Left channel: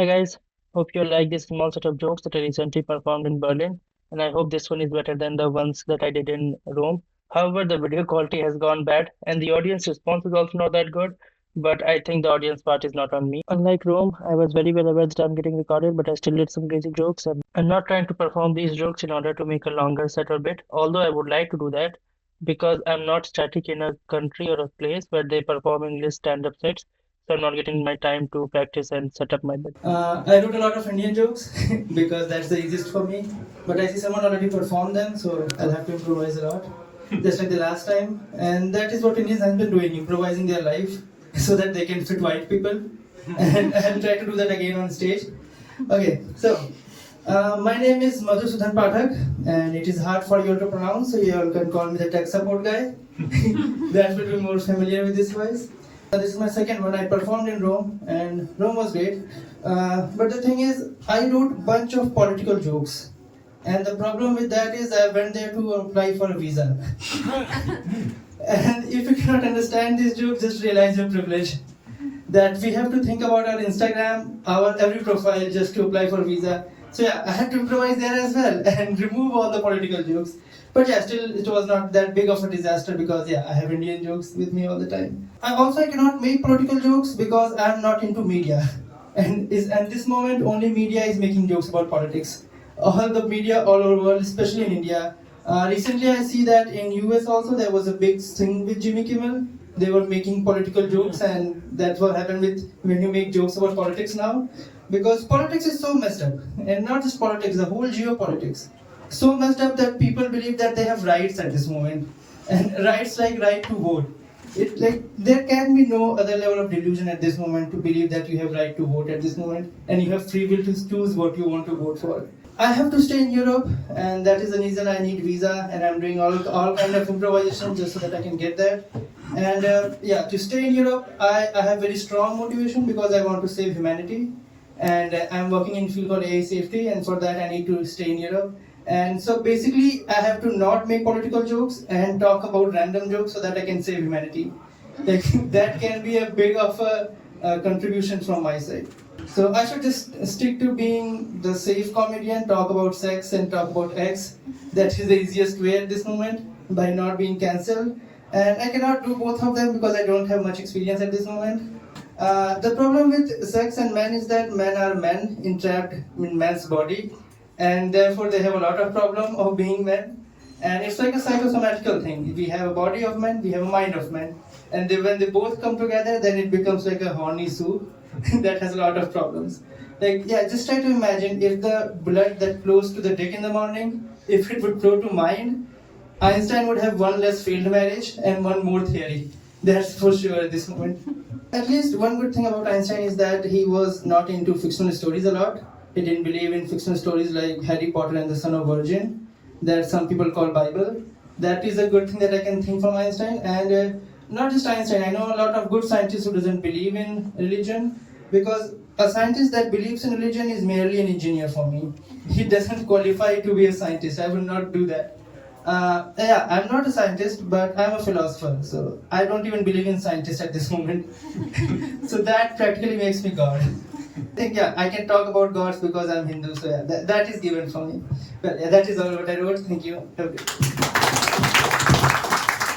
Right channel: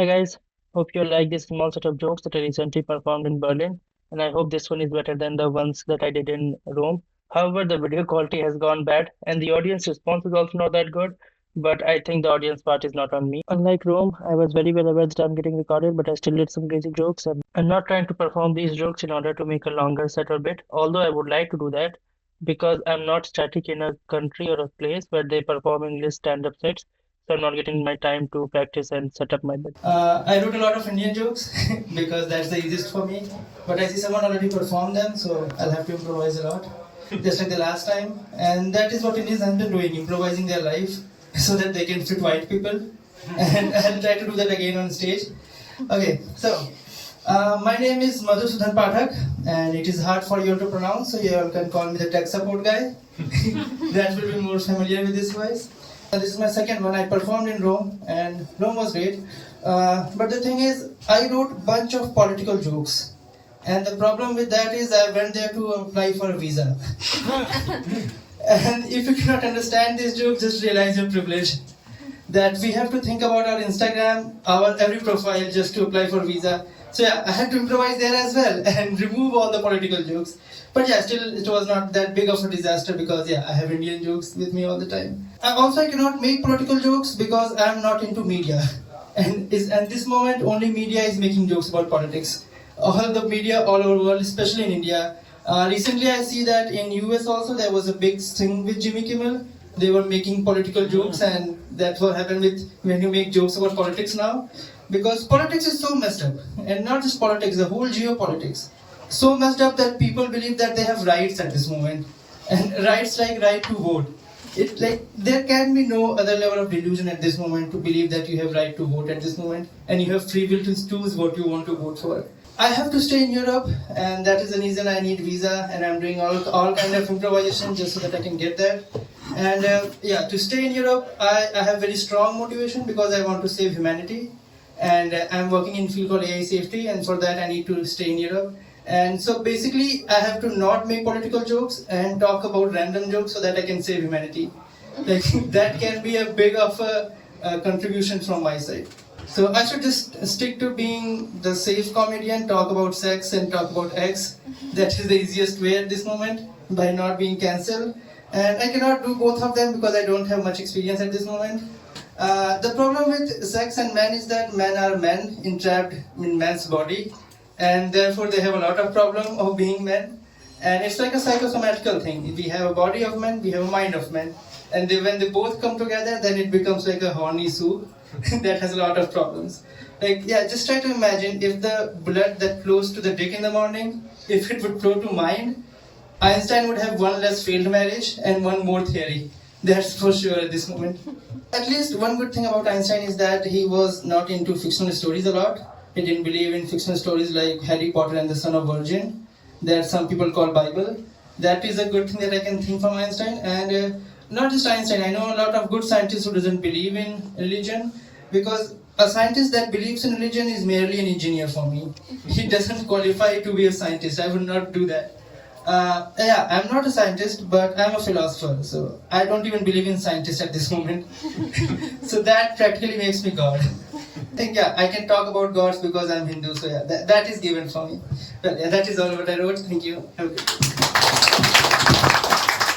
Hi guys, hope you like this small set of jokes that I recently performed in Berlin, and I hope this one is better than the ones that I did in Rome. However, the video quality has gone bad, and the audience response is also not that good, but I think the audience part is not on me. Unlike Rome, I was very well aware that I'm getting recorded, but I still did some crazy jokes, and I'm not trying to perform these jokes in order to make a longer set or bit, although I would like to do that because I'm not static in a country or a place where they perform English stand-up sets, so I'm not getting my time to practice and set up my bit. I wrote a lot of Indian jokes because that's the easiest for me. But I see someone already performed them, so I'll have to improvise a lot, just like the last time. And that is what Indians have been doing, improvising their life so that they can fit white people. And I'll try to do that again on stage. Okay, so my name is Madhusudan Pathak, and it is hard for you all to pronounce, so you all can call me the tech support guy. That will be more familiar with this voice. This is my second one. I performed in Rome, and Rome was great. But the thing is, I wrote a bunch of political jokes. And the problem with that is I went there to apply for a visa. And if you cannot understand these jokes, just realize your privilege. That we have to think about our Instagram, our every profile just to apply for visa. So yeah, I had to improvise there as well and remove all the political jokes. But yeah, still it was not that big of a disaster because yeah, I have Indian jokes with me all the time. I also cannot make political jokes because I am not into media. And at this moment only media is making jokes about politics. All the media all over the world, especially in India. Recently I see that in US also there was a big thing with Jimmy Kimmel. They were making political jokes, and that's what happened with when you make jokes about politics now. Because politics is so messed up, and not just politics, the whole geopolitics. So messed up that people believe that they have rights at this moment, and rights like right to vote. It like there can be no other level of delusion at this moment to believe that you have right to vote at this moment, and you have free will to choose what you want to vote for. I have to stay in Europe, and that is the reason I need visa, and I'm doing all kind of improvisation just so that I can get there. And yeah, to stay in Europe, I have very strong motivation because I want to save humanity, and I'm working in a field called AI safety, and for that I need to stay in Europe. And so basically, I have to not make political jokes and talk about random jokes so that I can save humanity. Like that can be a big of a contribution from my side. So I should just stick to being the safe comedian, talk about sex and talk about X. That is the easiest way at this moment by not being cancelled. And I cannot do both of them because I don't have much experience at this moment. The problem with sex and men is that men are men entrapped in man's body, and therefore they have a lot of problem of being men. And it's like a psychosomatical thing. We have a body of men, we have a mind of men, and when they both come together, then it becomes like a horny soup that has a lot of problems. Like yeah, just try to imagine if the blood that flows to the dick in the morning, if it would flow to mind, Einstein would have one less failed marriage and one more theory. That's for sure at this moment. At least one good thing about Einstein is that he was not into fictional stories a lot. He didn't believe in fictional stories like Harry Potter and the Son of Virgin, that some people call Bible. That is a good thing that I can think from Einstein. And not just Einstein, I know a lot of good scientists who doesn't believe in religion, because a scientist that believes in religion is merely an engineer for me. He doesn't qualify to be a scientist. I would not do that. Yeah, I'm not a scientist, but I'm a philosopher, so I don't even believe in scientists at this moment. So that practically makes me God. I think yeah, I can talk about gods because I'm Hindu, so yeah, that is given for me. Well, yeah, that is all what I wrote. Thank you. Have a good day.